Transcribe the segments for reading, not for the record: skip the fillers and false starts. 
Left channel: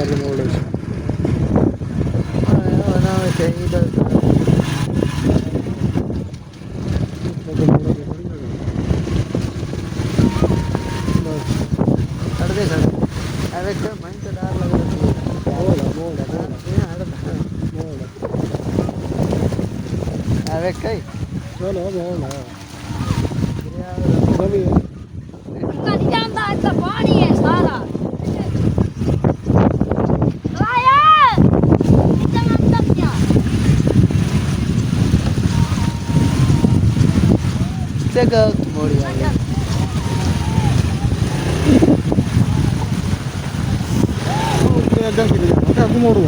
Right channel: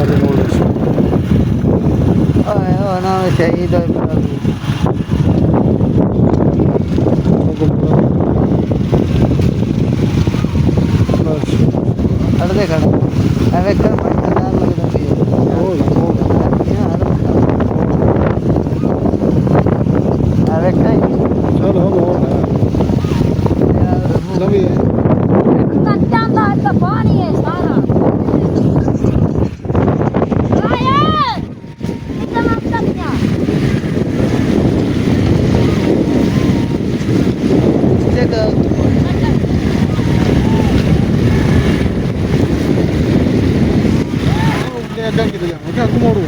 कर मोड़ होना चाहिए खड़े चलो सभी पानी है सारा अग्गा कि जाना अग मोड़ू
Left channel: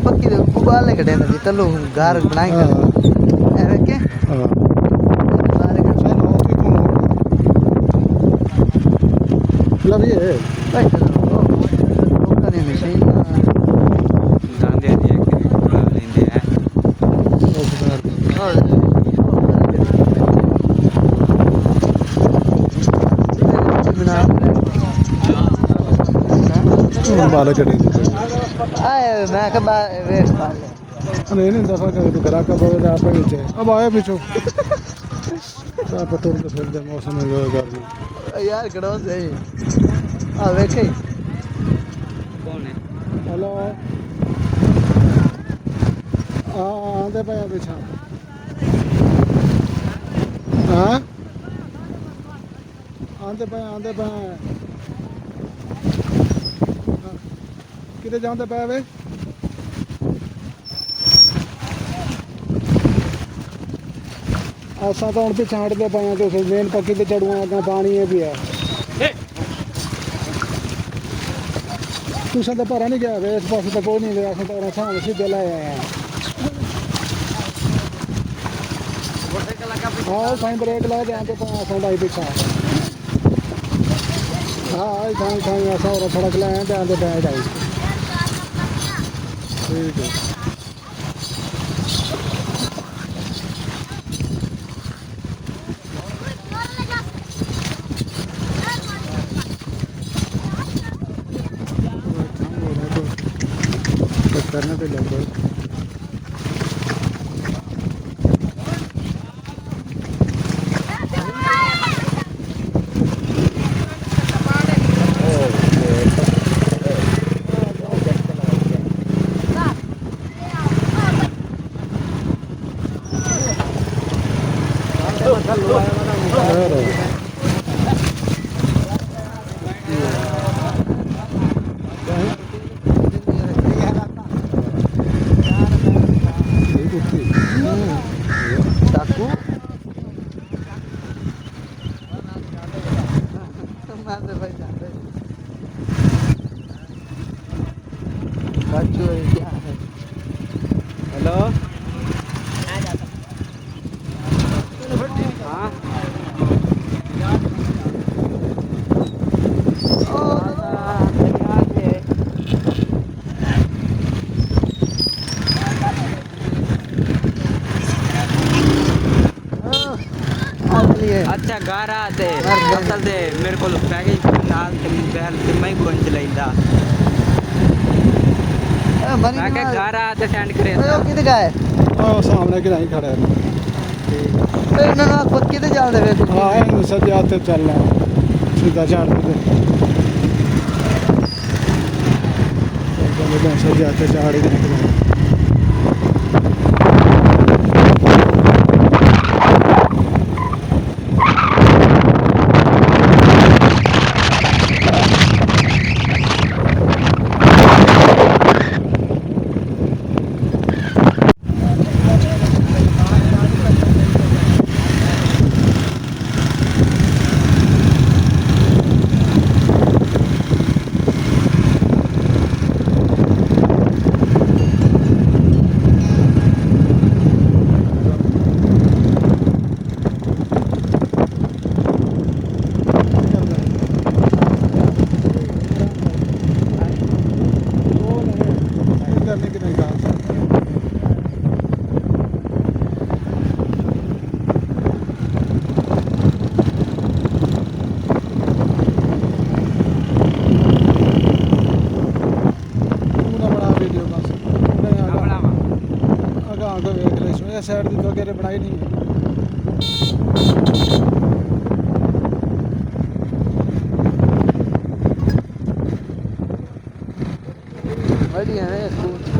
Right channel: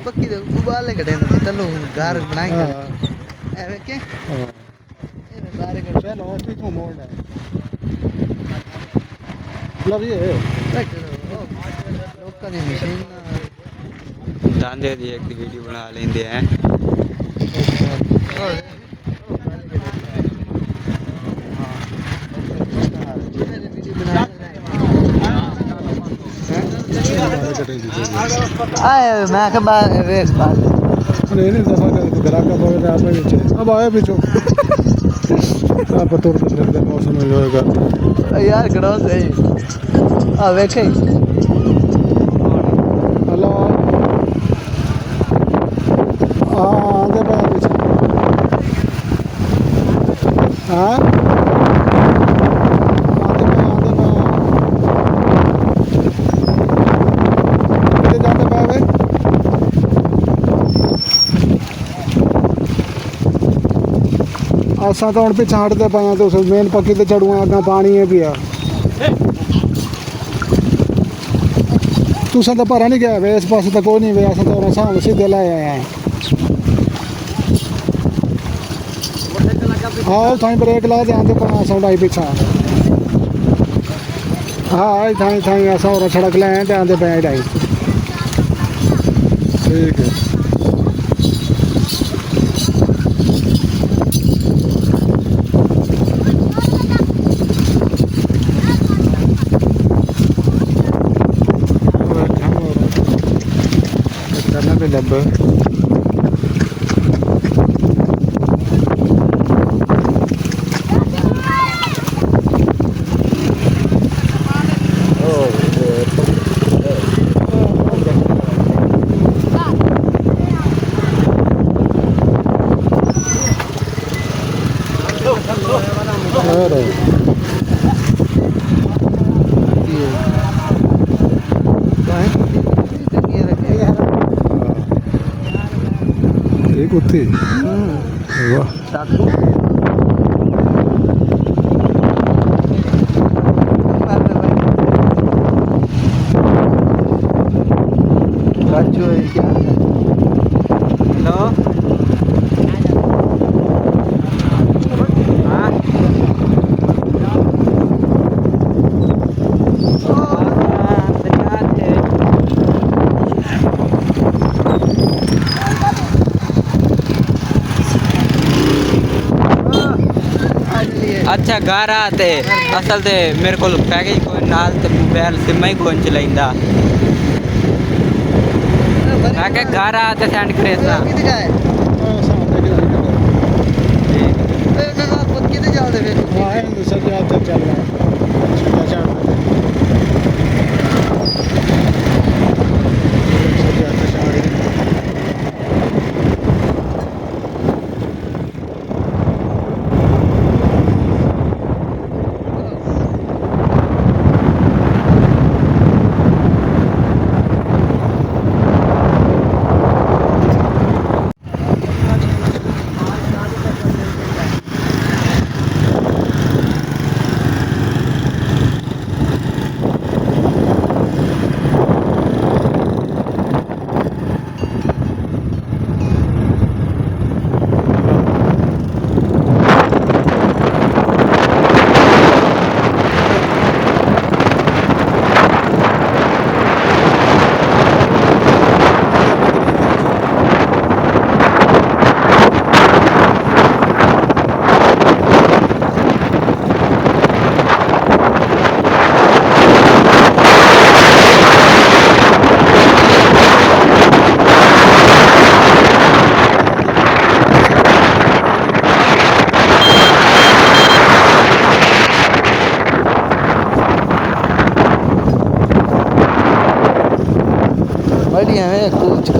पक्की गुब्बारे कटे चलो घर बनाए के मतलब ये जाने दिए कि वीडियो बना लेंगे हैं बाल कटे मैं के नहीं दफा कर तो ग्राहक का पवे आप नीचे अब आया पीछो आप तुर फिर मौसम में होएगा यार खड़ा सही आ वेखे हेलो आगे पे पीछे हाँ आगे पे कितने जाते पे वे असा तो हम पिछा हटते पे तो मेन पक्की तो चढ़ूँ अगर पानी है पिया तुसा तो भरा नहीं गया वे इस पास तो कोई नहीं वे अस तो सामने सीधे लाए आए हैं हाँ थाई ब्रेक ला जाते पर साढ़ा पिछा हाँ थाई ऐसा और सड़क लाए तो आते बैठ आई ठीक है करना तो लगभग कुत्ती हेलो अच्छा घर आते असल ते मेरे को पैकेज नाल ते मोबाइल ते मैं कौन चलाइंदा मैं घर आते सेंड करे था किते जाए सामने के नहीं खड़ा ना खुद किते जाते फिर हाँ सब आप चल रहा है सीधा चार सब जाते चार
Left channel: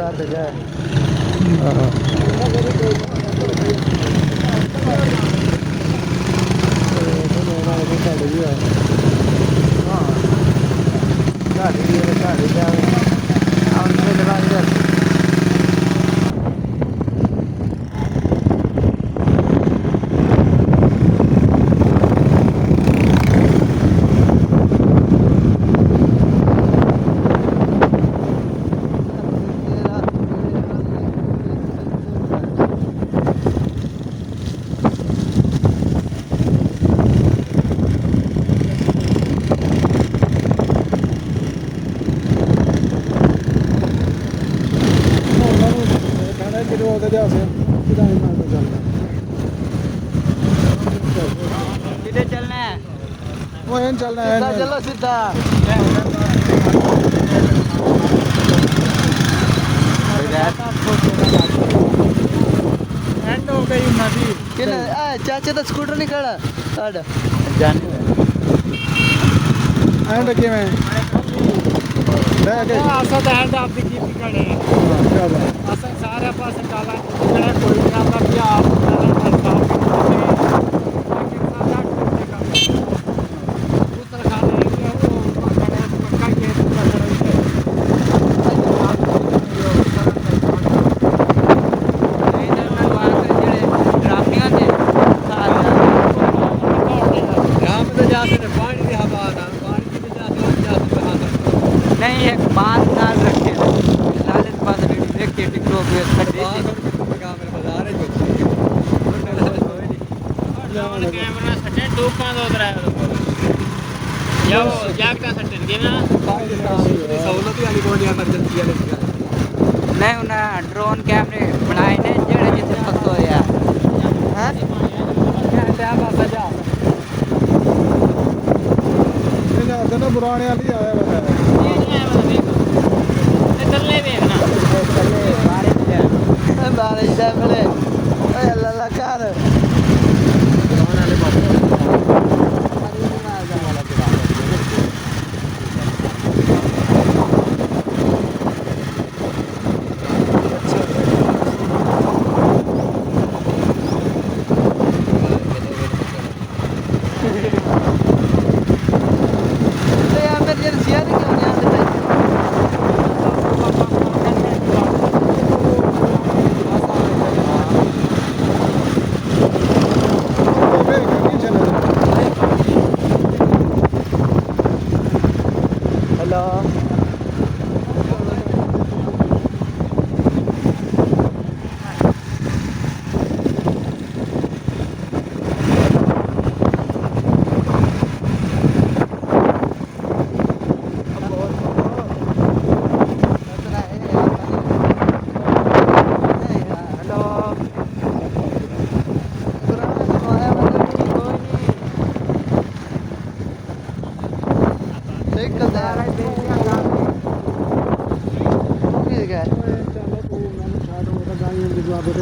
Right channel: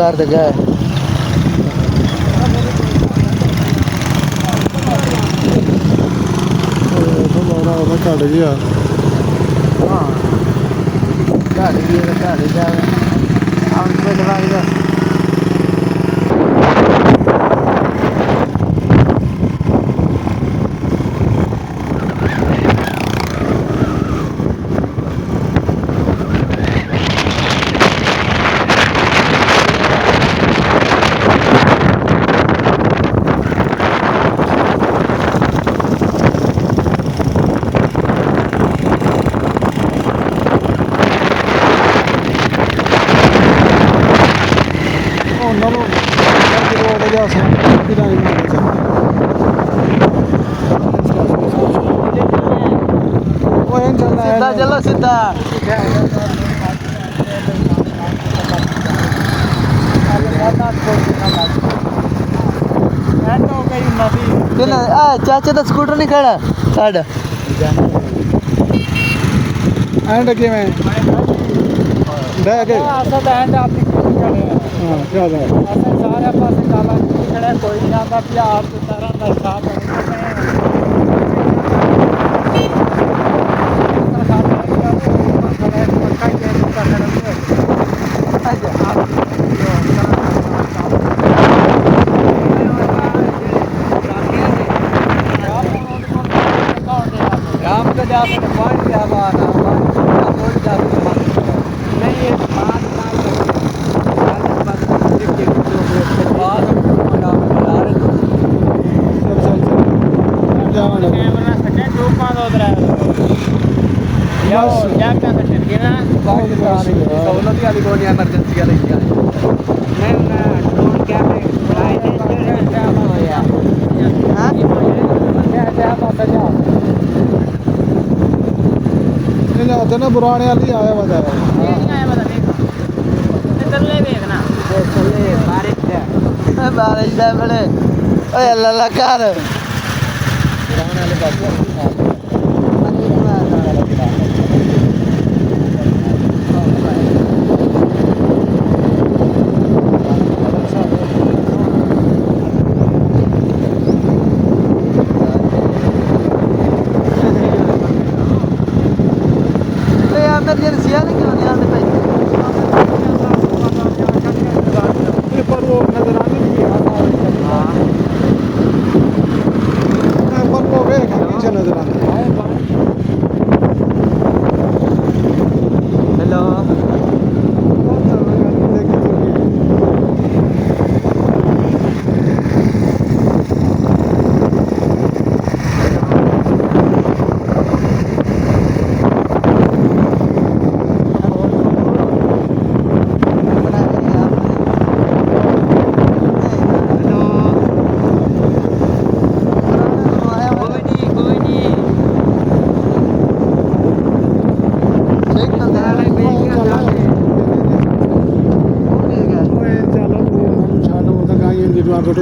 कर दे गए ਘਟ ਗਿਆ ਉਹਨਾਂ ਨੂੰ ਜਦੋਂ ਉਹਦੇ ਜਾ ਸੋ ਕਿਦਾਂ ਹੀ ਮਾਰਦੇ ਚੱਲ ਉਹ ਐਂ ਚੱਲਣਾ ਹੈ सीधा चलो सीधा चाचा तो स्कूटर नहीं खड़ा काट ਐਂਡ ਕਿਵੇਂ ਬਹਿ ਕੇ ਅਸਾਂ ਤਾਂ ਹੈਂਡ ਆਪ ਦੀ ਕੀ ਖੜੇ ਹਾਂ ਚੱਲ ਅਸਾਂ ਸਾਰੇ ਪਾਸੇ ਕਾਲਾ ਕਿਹੜਾ ਕੋਈ ਨਹੀਂ ਆਉਂਦਾ ਕਿ ਆਪ ਚੱਲਣ ਕਰਦਾ नहीं एक 5 साल रखे 40-15 एक टिकटों पे कैमरा सटे तूफान उधर है या क्या सटे देना सहूलत वाली कोई इमरजेंसी वाली नहीं उन्हें ड्रोन कैमरे बनाए ने जेड़े जिथे फसो या हां ਇਹਨਾਂ ਦਾ ਨਾ ਪੁਰਾਣੇ ਵਾਲੀ ਆਇਆ ਵਾ ਤਾਂ बारिश है बड़े ओए अल्लाह अल्लाह कर इमरजेंसी है क्यों नहीं आते पैसे हेलो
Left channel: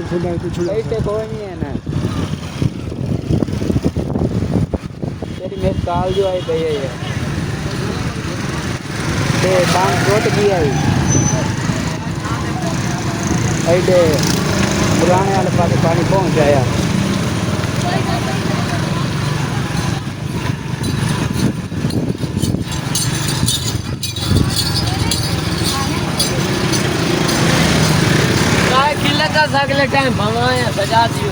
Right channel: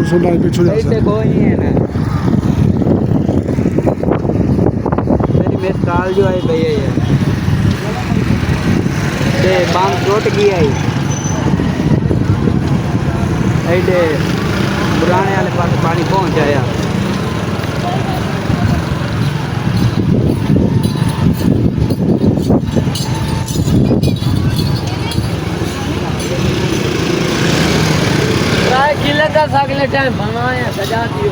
सुना कुछ ऐसे कोई नहीं है ना मेरी मिसाल जो है भैया ये ते बांध टूट गया है ऐसे पुराने वाले पास पानी पहुंच आया अगले टाइम भगवान सजा दी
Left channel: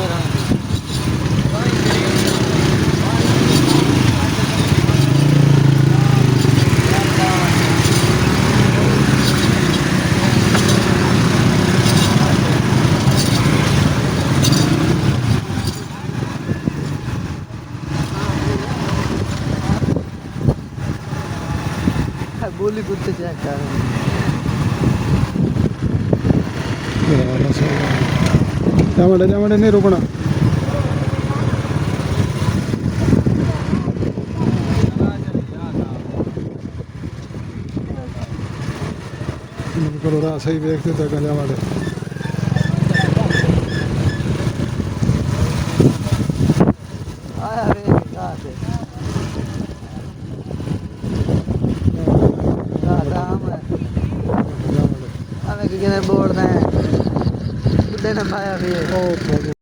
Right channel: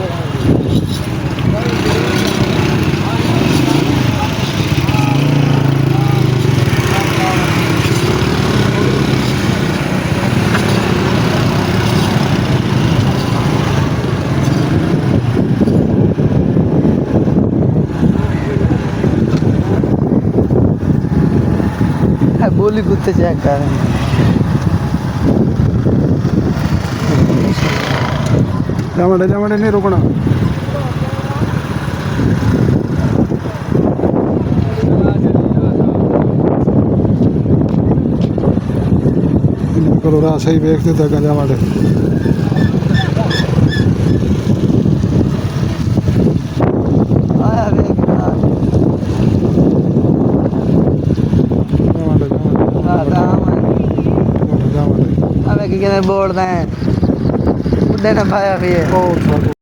बोली कुत्ते चेक कर जामड़े नहीं रुकना करो राह सही देखते तक जामड़े ਕੀ ਕਹਿੰਦੇ ਬੋਲਦਾ ਹੈ ਬੁੱਢੇ ਨੇ ਪਾਇਆ ਵੀ ਹੈ ਉਹ